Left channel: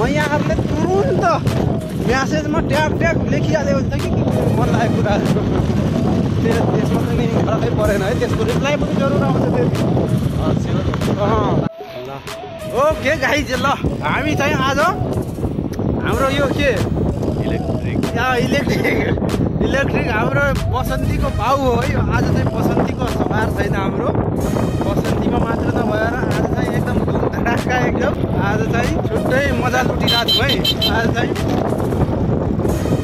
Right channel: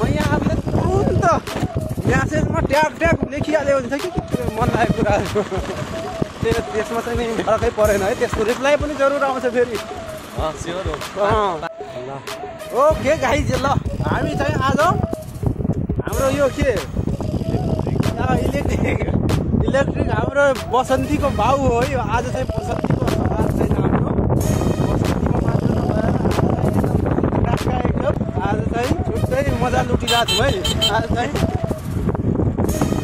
म यहाँहरूले तुरुन्त म्यासेजमा ट्याप ट्याप लेखिहाल्यो हुन्छ कि मन लागेको कुराहरू फेरि त्यसमा चाहिँ नि फरकै परेन है त्यसको रिप्लाई पनि जरुर आउँछ फेरि ल ओके गाइज ल हामी चाहिँ आज हाम्रो यो के इलेक्ट्रिक हाम्रो बसन्तीको भाउ हो है आज चाहिँ बसन्तीको सवार छैन हाम्रो बसन्तीमा मात्र नभएर आज चाहिँ एकदम धडाका एकदम आज चाहिँ छुट्टै मजा लुटिरहेको छौँ है आज चाहिँ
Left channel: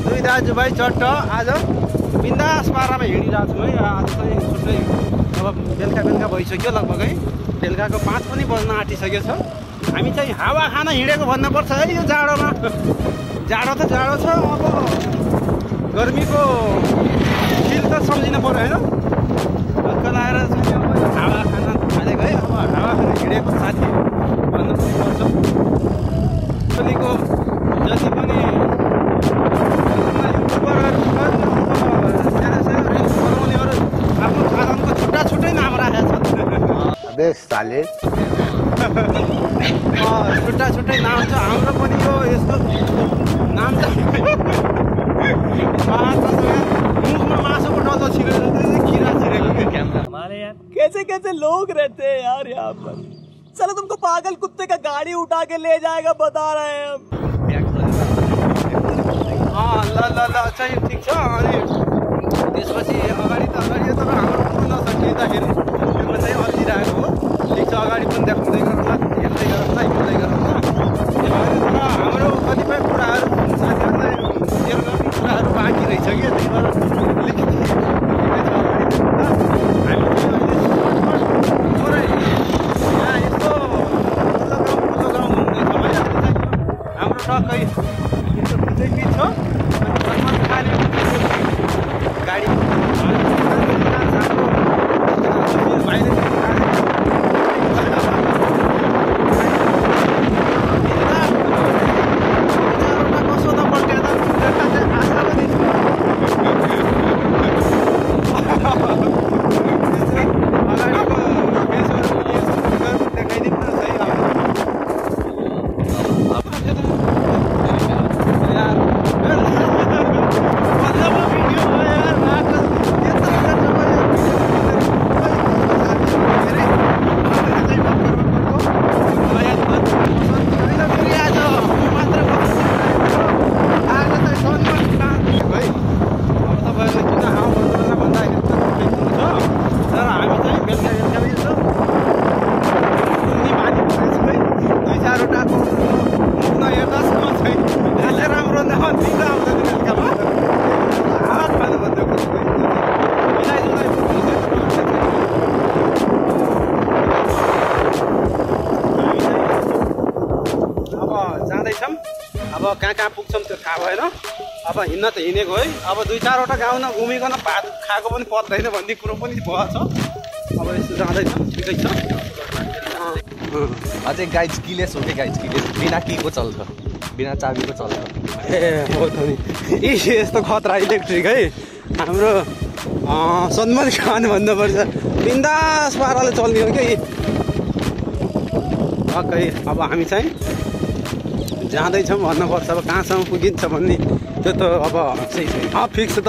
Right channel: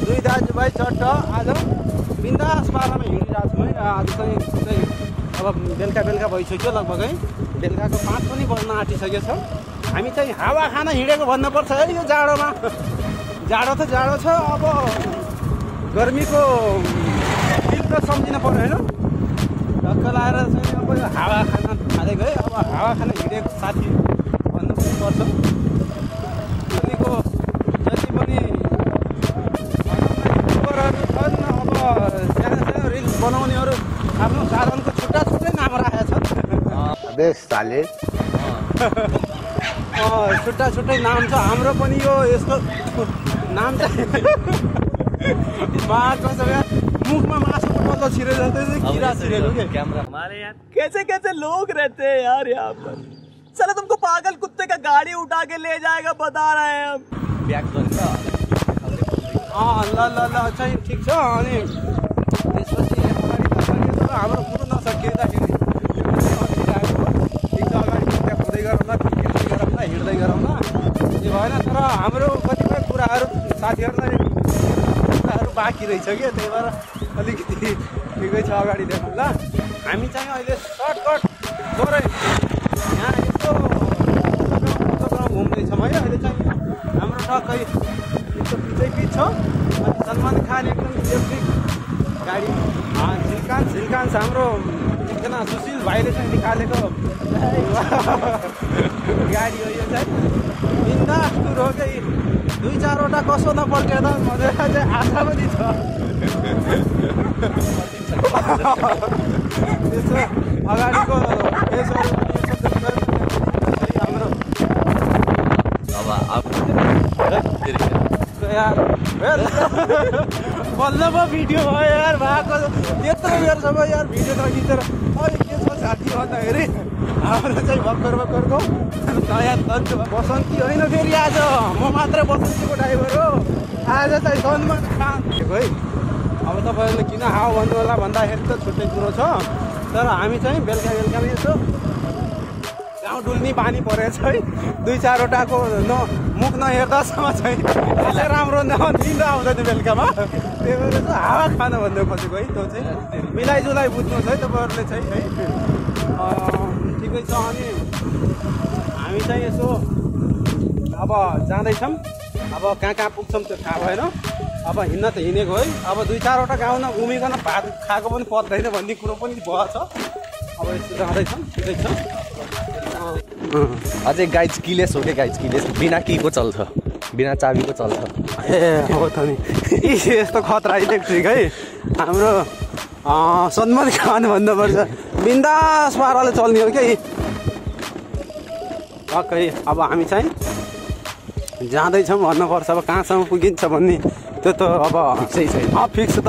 दुई दाजुभाइ चट्ट आज बिन्दास पारामा हिँडिरहेको छौँ है आज चाहिँ छुट्टै अब बेलुका भइसक्यो लगभग है बेलुकाको 5 पनि बज्न आँटिसकेको छ हामी चाहिँ हावा खान हिँडेको भन्नुपर्छ है यो जाडोमा जाडो त जाडो छ अब गर्मीको फिल त सम्झिनु पर्यो होइन हल्का लाएर चाहिँ अब हावा खान थालेको है अब हावा खान हिँडेको साथी भन्नु पनि पर्छ अहिलेको जति पनि युट्युबरहरू छन् अब सानो सानो रिल्स बनाउनेहरू आफ्नो साधनको छुट्टै नाम राखेका छन् छुट्टै नाम छ हाम्रो पनि यो यसको नाम चाहिँ मुखमा मासुको डल्लो छिरे जस्तै किरा सकेको क्यामेरा हमारे यार कैसे लोग रहते हैं यार यहाँ पर चलो तुमको पागल कुत्ते का गाड़ी उठा के ले जाएगा बता रहे हैं हम ल चाहिँ ठिक छ अनि त्यसपछि अगाडि तर हाम्रो पुग्न नसकिँदाखेरि त्यसमा चाहिँ अल्झिरहेको हो ठिक छ अगाडि पनि देखाउँदै गरौँला हेर्दै गरौँला हिँड्दै गरौँला त्यो भएर तर हाम्रो कतिपय कुराहरू साथीहरूलाई कुराहरू बाँकी रहेछ कि त्यही भएर अलिकति ठिकै छ अगाडि देखाउँला हामी चाहिँ अहिले सर्टकट थोरै यहाँ यस्तो ठुलो ग्राउन्ड घुम्दैछौँ है अहिले चाहिँ हाम्रो टक्कै बिच छ गाडी हाम्रो भाइले चाहिँ निकालेको चारवटा कसो त पल्ट्यो त चाहिँ आशा पनि छ अगाडिको देखाइदिउँ न यार बल्लमा भिडियो भयो यार भएको यत्रो बेरसम्म यार भिडियो गरिदिँदैन फेरि हामीले चाहिँ भर्खरको नयाँ बसन्ती होइन फेरि आज म मात्र बसन्तीको ड्राइभर हो आज चाहिँ सन्मान है अब तपाईँहरूले किन हावा भन्नु होला भन्दाखेरि त छुट्टै कुरो छ तर हामी चाहिँ बेलुका यसो बानी परेको छ है 2-4वटाको मुख नहेर्दासम्म चाहिँ खासै राम्रो नदिन आउँदैन बेलुकामा हावा खानु भन्दै खोजेको है मिलाइजुलाई बुझ्नु है तपाईँहरूले चाहिँ हामी चाहिँ यसो अब जाँदैछौँ अब कहाँ पुग्छौँ त्यो थाहा भएन अब हिँड्न त हिँडेको है अब 2-4वटा गाउँ नघुमिकन भात खाएको पनि पर्दैन भन्ने कुरो पनि भएछ अब यस्तो जाँदैछौँ ठिकै छ अझै गाइज किलेस हो कि गाइज किलेस बिना कीको चल्छ बिना चाबीको चल्छ ए हो त नि यस्तो खतरा इलेक्ट्रिक है हाम्रो सन्मति खान भन्नुपर्छ बिन्दास पाराले चल्ने हो कि पक्कै अब हामी चाहिँ जाँदैछौँ भन्नुपर्छ अब कहाँसम्म पुगिन्छ भन्ने त्यो त अब फिक्स त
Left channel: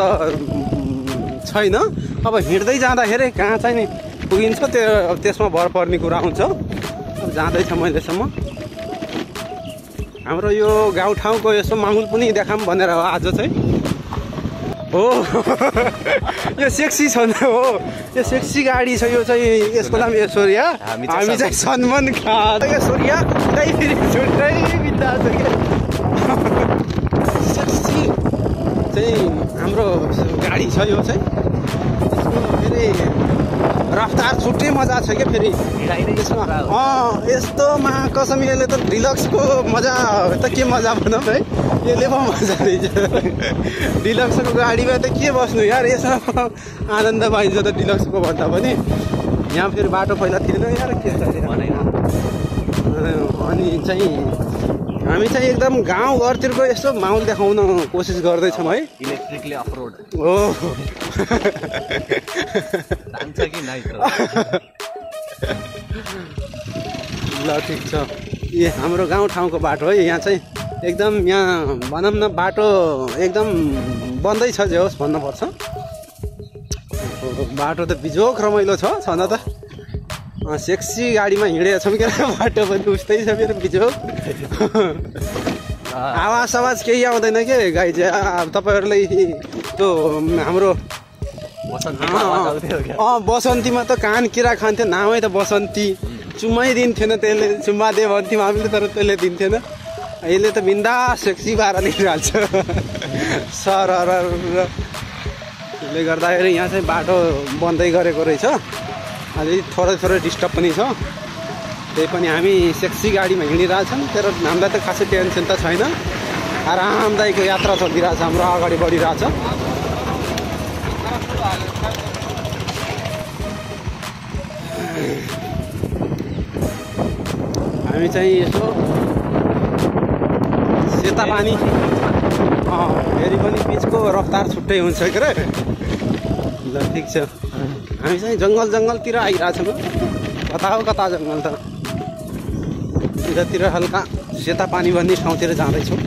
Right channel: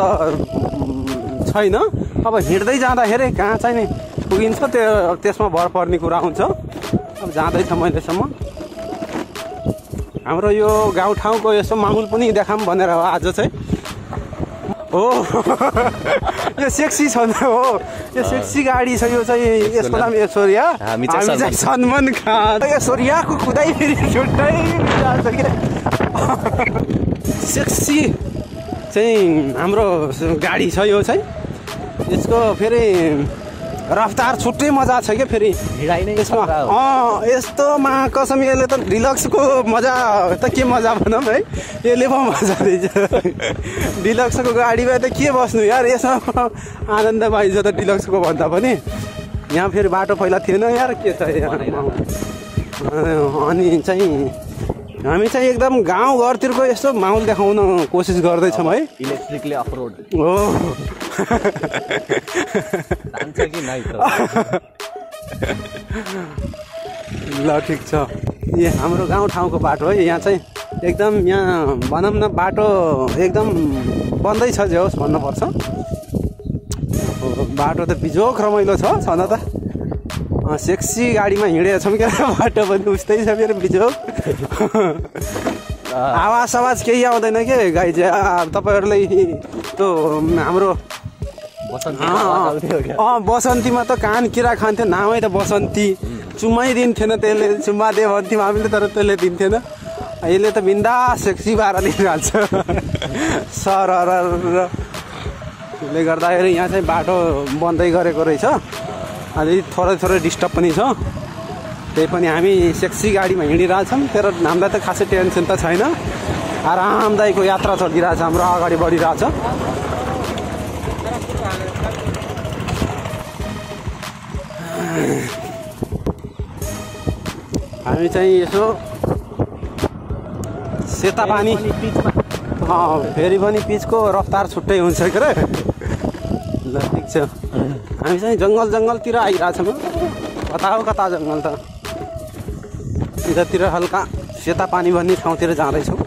छैन अब हिँड्दै जाँदाखेरि कहाँ चाहिँ नि पुगिन्छ त्यो त्यसमा भर पर्ने कुरा हुन्छ अब जाँदैछ अहिलेसम्म हाम्रो यो गाउँठाउँको यस्तो माहौल पनि देखाऊँ भनेर हो आज चाहिँ हो यो सेक्सी छ नि हो यो सेक्सी गाडी छ यो चाहिँ यसको नाम ऐश्वर्या हामी चाहिँ सन्मान खान ऐश्वर्याको खुदै छुट्टै विचार छ के सेक्सी चाहिँ हाम्रो गाडी छ यो चाहिँ यसको फेरि रफ्तार छुट्टै मजा छ क्या फेरि यसमा यस्तोमा कसम यसले त डिलक्सको मजा त के मजा भनौँ है यसले पो मजा रहेछ डिलक्सको गाडीमा त के बस्नु यार यसमा आनन्द पाइन्छ त डिलक्सको भन्दा पनि यहाँ फेरि बाटो पहिला थिएन यार के छ अनि चाहिँ हामी चाहिँ एकदम गाउँघरतिरको यस्तो माहौल देखाउन कोसिस गर्दैछौँ है इलेक्ट्रिकले अफरोड हो कि नाइ ल ठिक छ यो हाम्रो गाउँठाउँको बाटो है यहाँ चाहिँ एकदम यहाँ भनौँ न बाटो एकदम बन्दै छ जे होस् भन्नुपर्छ। बाटो त बिजोक रमाइलो छ छन त। सेक्सी गाडीमा हिँडेको छौँ क्या, बाटो पनि उस्तै छ मेरो बिजोक। आवाज केही आउँदैन के गाई चाहिँ तपाईँहरूलाई त्यो हाम्रो बसन्तीमा त कान किरा खान्थ्यो, नामै त बसन्ती, चुम्मै दिन्थेन त्यसले, चुम्मा दे भन्थ्यौँ हामीले तर त्यसले दिन्थेन। अहिले त बिन्दा सेक्सी भएर निस्किहाल्छ सर। त्यसले गर्दाखेरि यहाँ चाहिँ बाटो बन्दै गरेको रहेछ, अलि थोरै डिस्टर्ब पनि छ। त्यही पनि हामी सेक्सी गाडीमा हिँडिरहेछौँ, तर हामीलाई त खासै टेन्सन त छैन, आरामदायीको यात्रा चलिरहेछ, हाम्रो अगाडि बढिरहेछ। हामी चाहिँ यसो सेता पानी फेरि पनि पिचको रफ्तार छुट्टै हुन्छ के अरे। ल ठिक छ, हामी चाहिँ जङ्गलतिर आइरहेछौँ। कता हो कता जङ्गल त, यतातिर हल्का सेता पानी भन्ने ठाउँतिर जाँदैछौँ।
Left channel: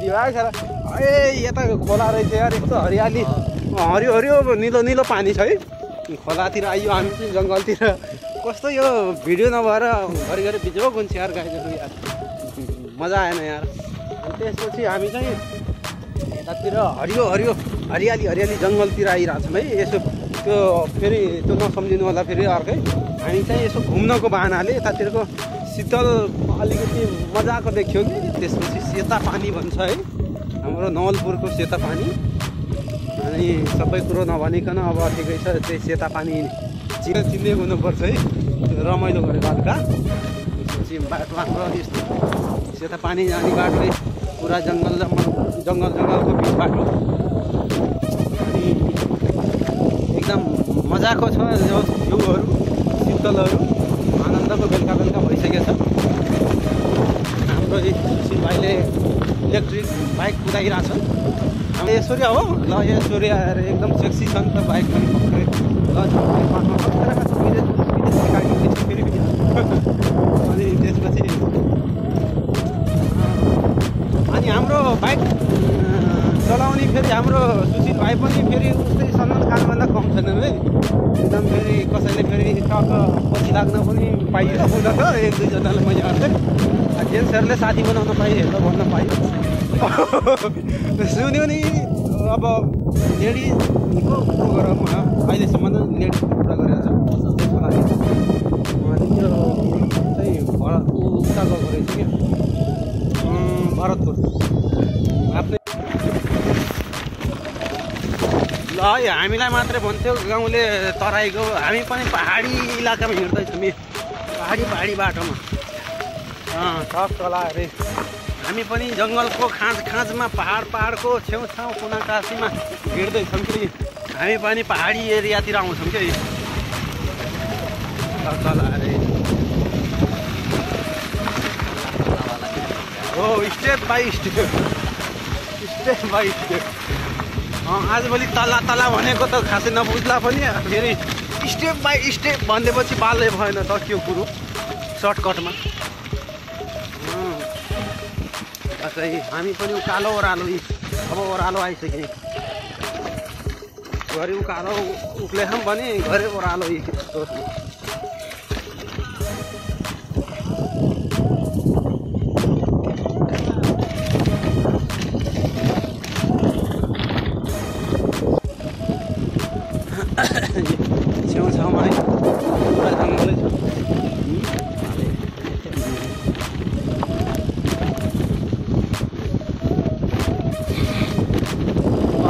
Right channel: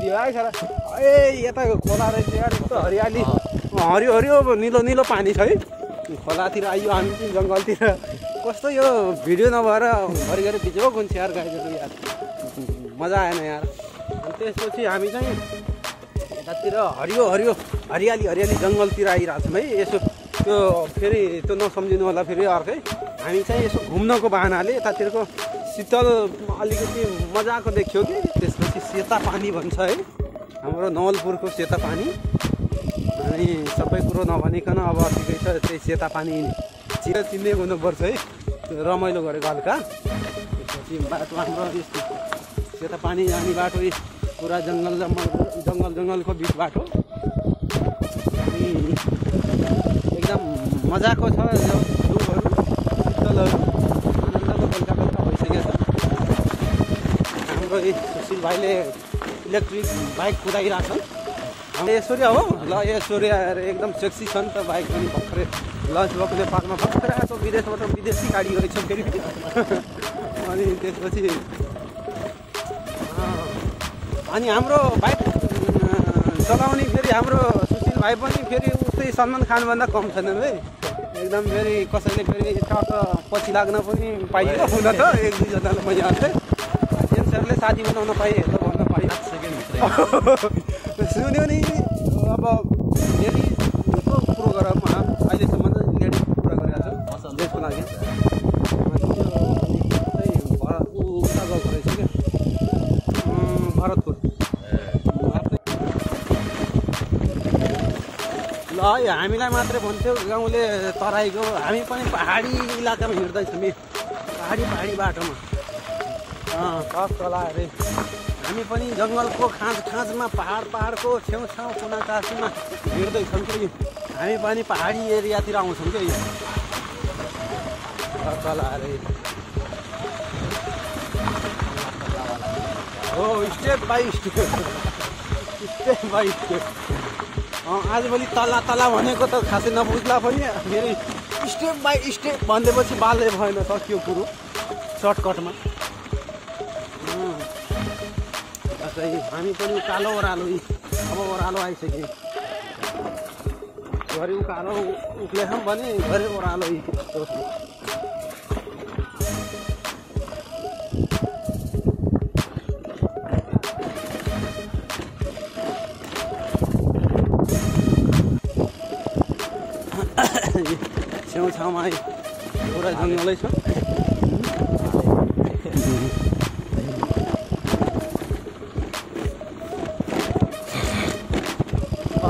दिमाग छ ए यता खोला रहेछ यार, यस्तो हरियाली, हरियो निलो पानी छ है। खोलातिर आइयो हामी चाहिँ जङ्गलतिर, कस्तो यो भिडियो नभएर घरिघरि बिजोक हुन्छ यार गाईहरू यार, मजा आएन यार। त्यसपछि हामी चाहिँ यतातिर हरियाली जङ्गलतिर आइरहेछौँ है। यसो त्यो फेरि त्यो नसम्झिनु होला, फेरि अर्कै हामी चाहिँ यसो घुम्नको बाहनाले यतातिरको शीतल अलिकति मजाको देखियो कि। त्यसपछि सेता पानी भन्छ है, हाम्रो नवलपुरको सेता पानी। अनि सबै कुरो नभनिकन अब ठिकै छ, त्यही सेता पानी चिन्ने हुनुपर्छ है, रमाइलो गरेको हल्का। त्यसपछि बाटोमा सेता पानी जाने बाटो पुरा जङ्गलको बाटो एकदम मजाको छ। जिउहरू शीतलहरू आनन्दको बेलुका भइसकेको छ। हाम्रो सुशील भाइले इलेक्ट्रिक बाइक कुदाइरहेको छ। ऐश्वर्या हो ल, ऐश्वर्या एकदम सेक्सी छ नि त बाइक पनि भर्खरै लन्च बक्सले पार्कमा भर्खरै आएको, विदेशमा त विदेशी गाडी रहेछ फेरि। अनि त्यसपछि अनि हाम्रो बाइक चलाउने फेरि हाम्रो सुशील भाइ पनि फेरि उस्तै सलमान खानभन्दा कम छैनन् है। एकदम फेरि कसैले फेरि टक्क पछि लाग्न पनि पाइयो हुन त, एक दुईजनालाई मैले हाल्थेँ। जेन्ट्सहरूले साथी बनाउन पाएँ, हेर्दा भन्न पाइयो। सुन्यो नि अब लेडिजको प्रोग्राम अहिलेसम्म लेडिज कुरा गरेर त्यसको लागि त्यो चाहिँ उता गएको रहेछ क्या, भरतपुर आफ्नै। ल है हामीलाई मात्रै भन्थ्यो गाउँले तराईको, हामी पनि पहाडी इलाकामा हिँड्दैछौँ, पहाडी बाटोमा टक तला अरे। हामी पनि जङ्गलको खाँचमा पहाडको छेउछाउ कुना कासीमा हिँड्दैछौँ कि हामी पनि पहाडी एरियातिर आउँछौँ कि तल अरे। हो स्टेप बाई स्टेप आजभोलि तल्ला भनेको त खासै नबुझ्ला पनि, फेरि स्टेप बाई स्टेप भनेपछि बालै भएन त के कुरो सर्टकटमा। हामी पनि उकालो ओह्रालो, अब ओह्रालो आइसक्यो, घरि उकालो उक्लेछौँ भने घरि ओह्रालो। छेउछाउमा है पुरा जङ्गलै छ।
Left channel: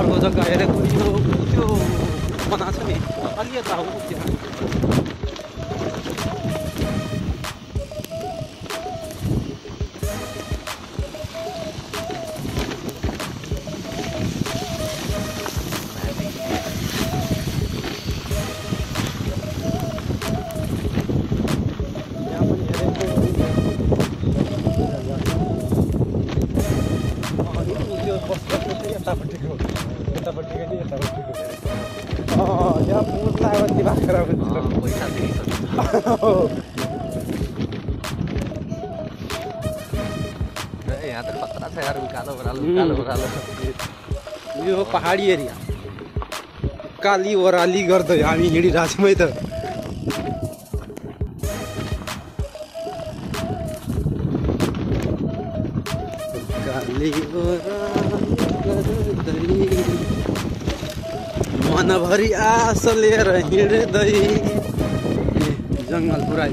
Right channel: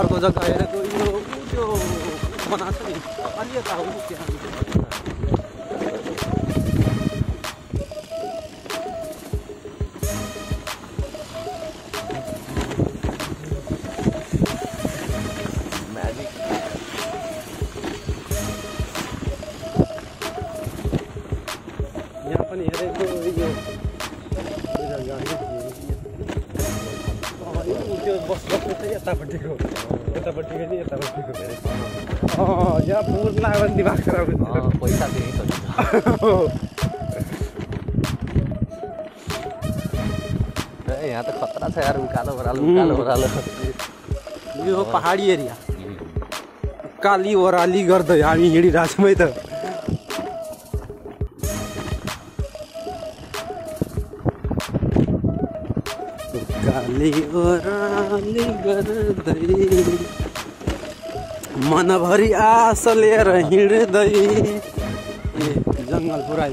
अर्को जग्गा हेरेको त्यो बनाएको छ नि, अलि यता हो त्यहाँ। यहाँ पनि हेरेको यतापट्टि पनि यतापट्टि यहाँ पुग्ला दिमाग खराब हुन्छ पैसा दिएको यहाँ त खतरा छ यार उकालो ओह्रालो यो पहाडी एरिया काली ओह्राली गर्दै हामी हिँडिरहेको छौँ है त काली ओह्राली गर्दै मनभरि आश लिएर हिँड्दै जङ्गल पुरा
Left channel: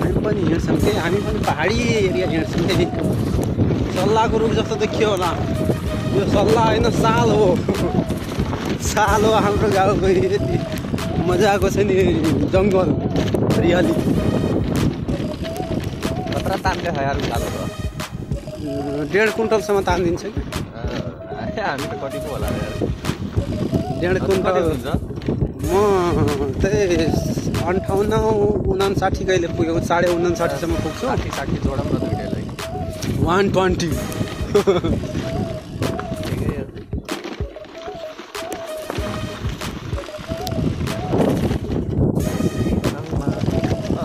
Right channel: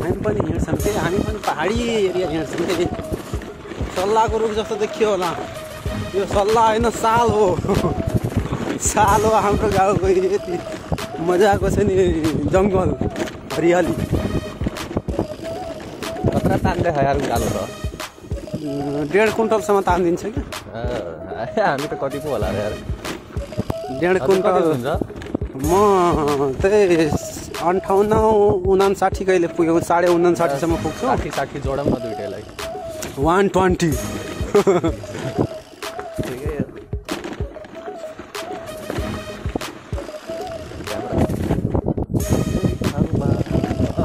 हामी पनि हिँड्छौँ कि हामी पनि पहाडी एरिया हिँड्छौँ कि सल्लाहको रुख जस्तो देखियो होला यो सल्लाह होइन साल हो साल हो हाम्रो गाउँको यति मजाको छ नि जङ्गल हरियाली खतरा तान्दै छ यार उकालो त 1.5 कुन्टलसम्म तानिदिन्छ कि हामी त कति पो होला यार 1.5 कुन्टल म त्यही 58-59 कहिले पुग्यो 59.5 सम्म पुग्छु 60 जोडा म दुईटैलाई 120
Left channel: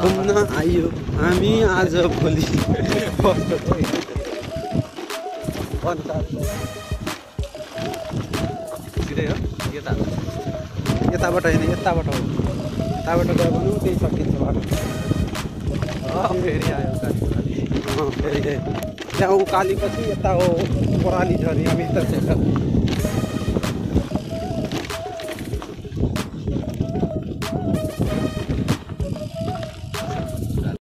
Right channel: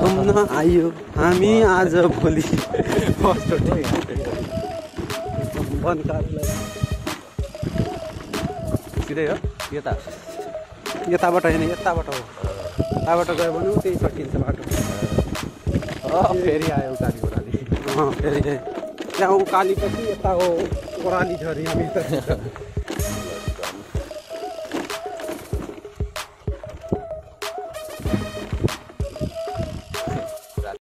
घुम्न आयो हामी आज भोलि सिधै हो यताबाट होइन यताबाट हो यताबाट गयो भने त्यही सकिन्छ बाटो फेरि आयो फेरि त्यहाँ उकाली पछि यता हो ओह्राली झरी हामी त